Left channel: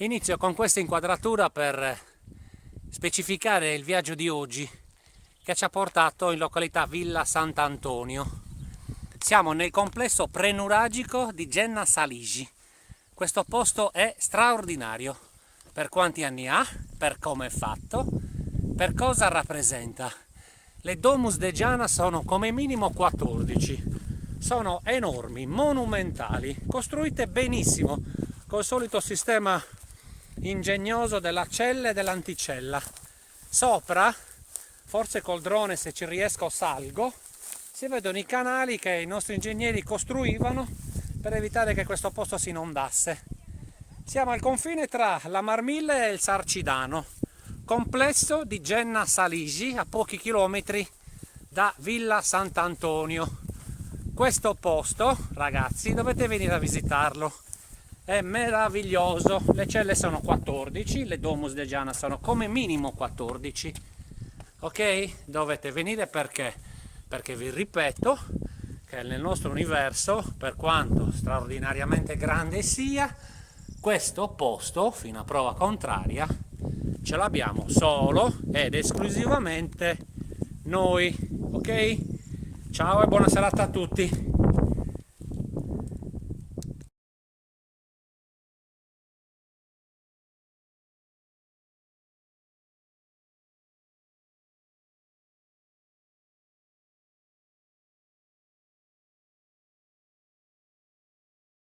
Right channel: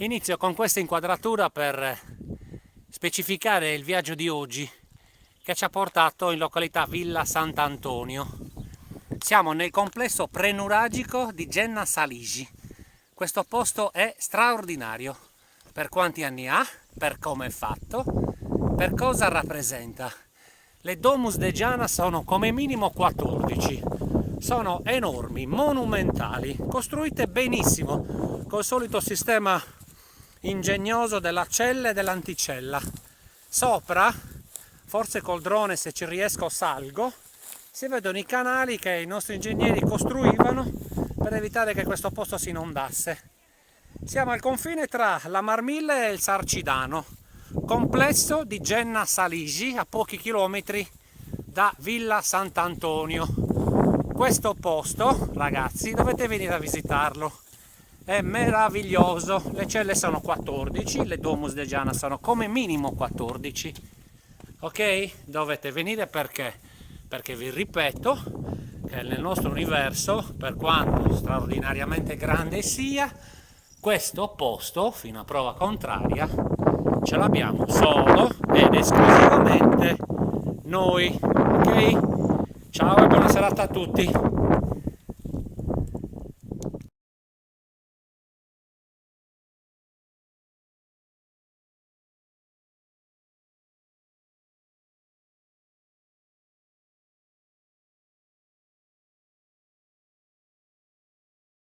Inizio con questa inquadratura per specificare il viaggio di oggi che ci ha portato in località Villa Sant'Antonio. Siamo nel complesso prenuragico di Genna Saligi. Questo posto è straordinario. Per quanti anni ha, per come è fatto, per cosa rappresenta. Le Domus de Giana sono come minimo 14. Sono enormi, monumentali, costruite benissimo, col solito sistema ingegnoso della cella e dell'anticella. Sopra, forse col drone se ci riesco salgo, si vedono i canali che i nostri ingegneri costruivano per evitare che questo posto si inondasse. Siamo al confine tra la Marmilla e il Sarcidano, complesso di Genna Saligi, a pochi chilometri da Villa Sant'Antonio. Questo posto, ragazzi, dovete venire a visitarlo. È meraviglioso, le celle sono 14, le Domus de Giana sono come minimo 14, ok? Dovete venire perché? Perché vi ripeto che nel nostro universo, per quanto straordinariamente grande sia, questo posto, fino a prova contraria, ce l'abbiamo solo ed esclusivamente noi, ok? Ciao e buona serata a tutti!